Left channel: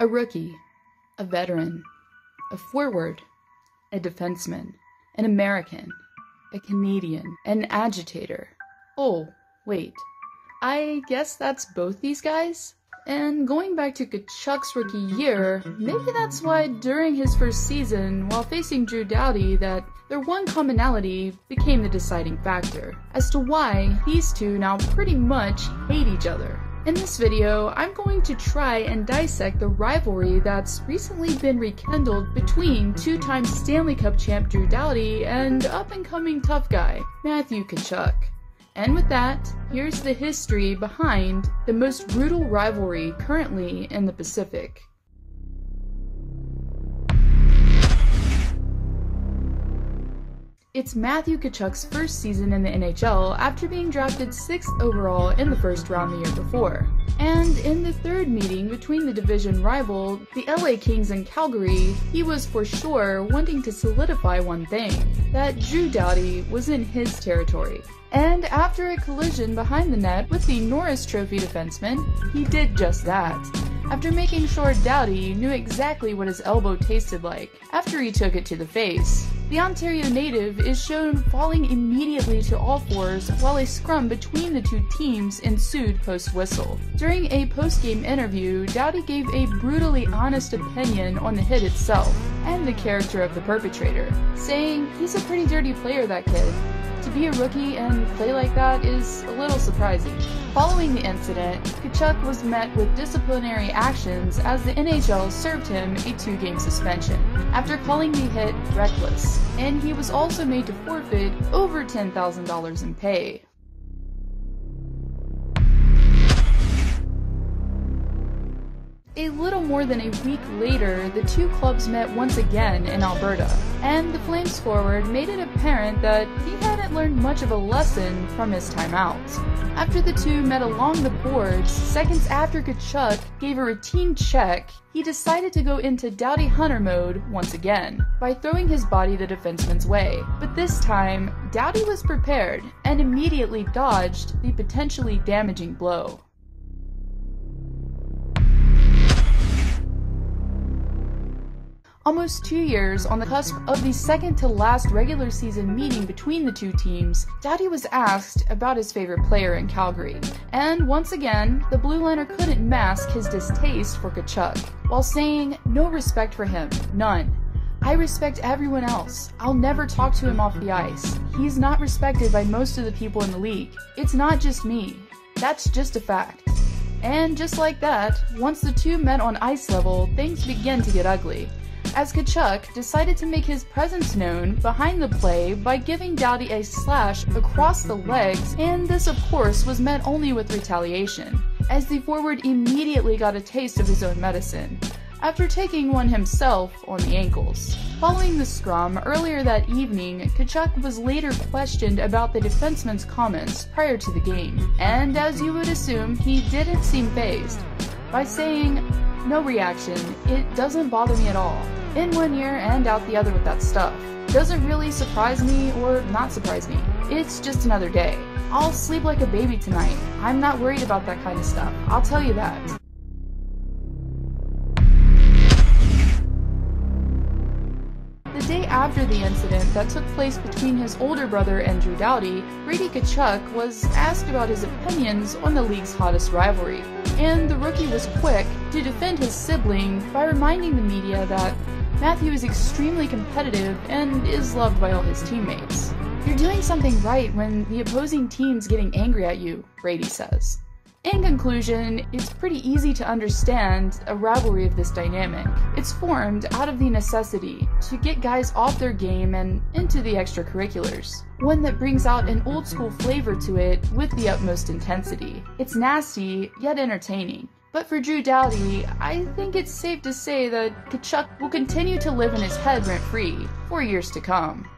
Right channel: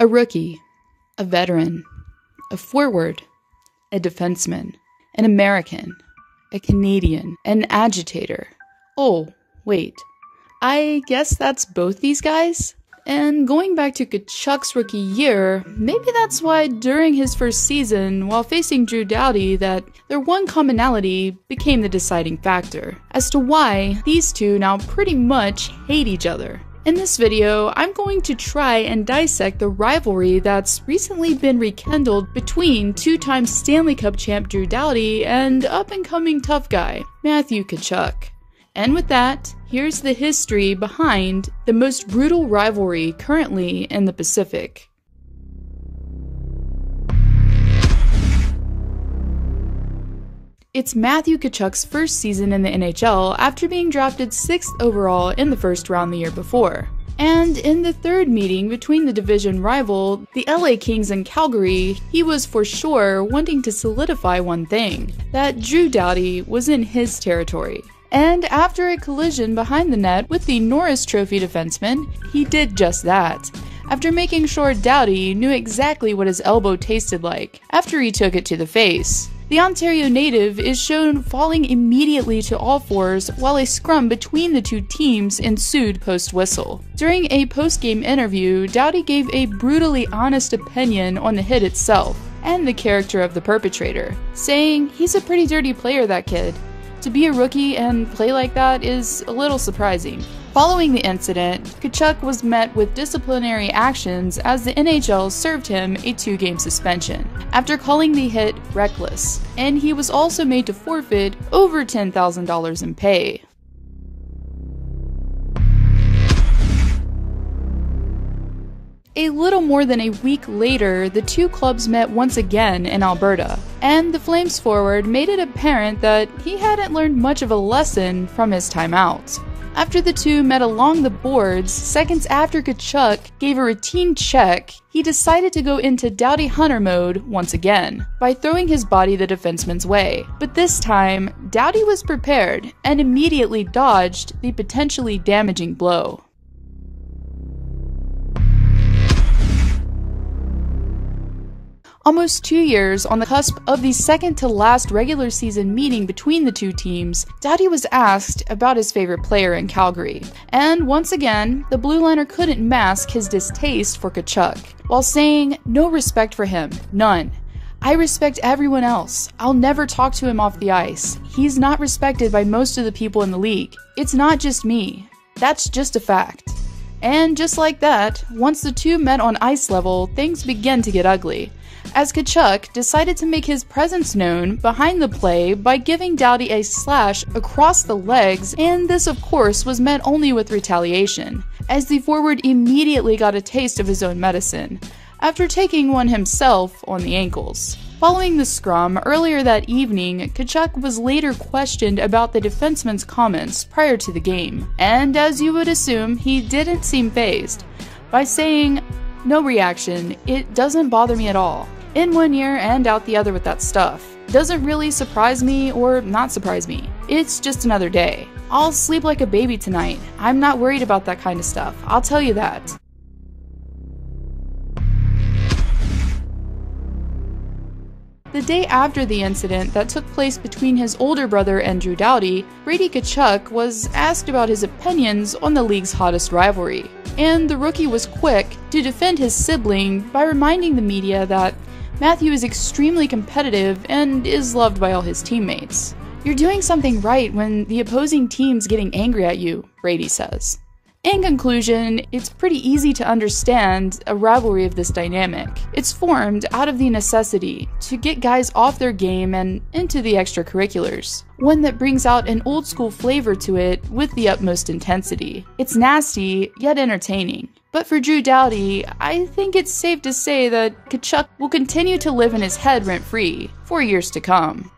A rookie, a veteran, a forward, a defenseman, an American, a Canadian, an agitator. Oh, wait. I guess that's both these guys? And going back to Tkachuk's rookie year, maybe that's why during his first season, while facing Doughty, that their one commonality became the deciding factor as to why these two now pretty much hate each other. In this video, I'm going to try and dissect the rivalry that's recently been rekindled between two-time Stanley Cup champ Doughty and up-and-coming tough guy, Matthew Tkachuk. And with that, here's the history behind the most brutal rivalry currently in the Pacific. It's Matthew Tkachuk's first season in the NHL after being drafted 6th overall in the first round the year before. And in the third meeting between the division rival, the LA Kings and Calgary, he was for sure wanting to solidify one thing, that Doughty was in his territory. And after a collision behind the net with the Norris Trophy defenseman, he did just that, after making sure Doughty knew exactly what his elbow tasted like after he took it to the face. The Ontario native is shown falling immediately to all fours while a scrum between the two teams ensued post-whistle. During a post-game interview, Doughty gave a brutally honest opinion on the hit itself and the character of the perpetrator, saying he's a pretty dirty player, that kid. To be a rookie and play like that is a little surprising. Following the incident, Tkachuk was met with disciplinary actions as the NHL served him a 2-game suspension after calling the hit reckless, and he was also made to forfeit over $10,000 in pay. A little more than a week later, the two clubs met once again in Alberta, and the Flames forward made it apparent that he hadn't learned much of a lesson from his timeouts. After the two met along the boards, seconds after Tkachuk gave a routine check, he decided to go into Doughty Hunter mode once again, by throwing his body the defenseman's way. But this time, Doughty was prepared and immediately dodged the potentially damaging blow. Almost 2 years on the cusp of the second-to-last regular season meeting between the two teams, Doughty was asked about his favorite player in Calgary. And once again, the blue liner couldn't mask his distaste for Tkachuk, while saying, "No respect for him, none. I respect everyone else. I'll never talk to him off the ice. He's not respected by most of the people in the league. It's not just me. That's just a fact." And just like that, once the two met on ice level, things began to get ugly, as Tkachuk decided to make his presence known behind the play by giving Doughty a slash across the legs, and this of course was met only with retaliation, as the forward immediately got a taste of his own medicine, after taking one himself on the ankles. Following the scrum earlier that evening, Tkachuk was later questioned about the defenseman's comments prior to the game, and as you would assume, he didn't seem fazed, by saying, "No reaction, it doesn't bother me at all. In one ear and out the other with that stuff. Doesn't really surprise me or not surprise me. It's just another day. I'll sleep like a baby tonight. I'm not worried about that kind of stuff, I'll tell you that." The day after the incident that took place between his older brother and Doughty, Brady Tkachuk was asked about his opinions on the league's hottest rivalry, and the rookie was quick to defend his sibling by reminding the media that Matthew is extremely competitive and is loved by all his teammates. "You're doing something right when the opposing team's getting angry at you," Brady says. In conclusion, it's pretty easy to understand a rivalry of this dynamic. It's formed out of the necessity to get guys off their game and into the extracurriculars, one that brings out an old school flavor to it with the utmost intensity. It's nasty, yet entertaining. But for Doughty, I think it's safe to say that Tkachuk will continue to live in his head rent-free for years to come.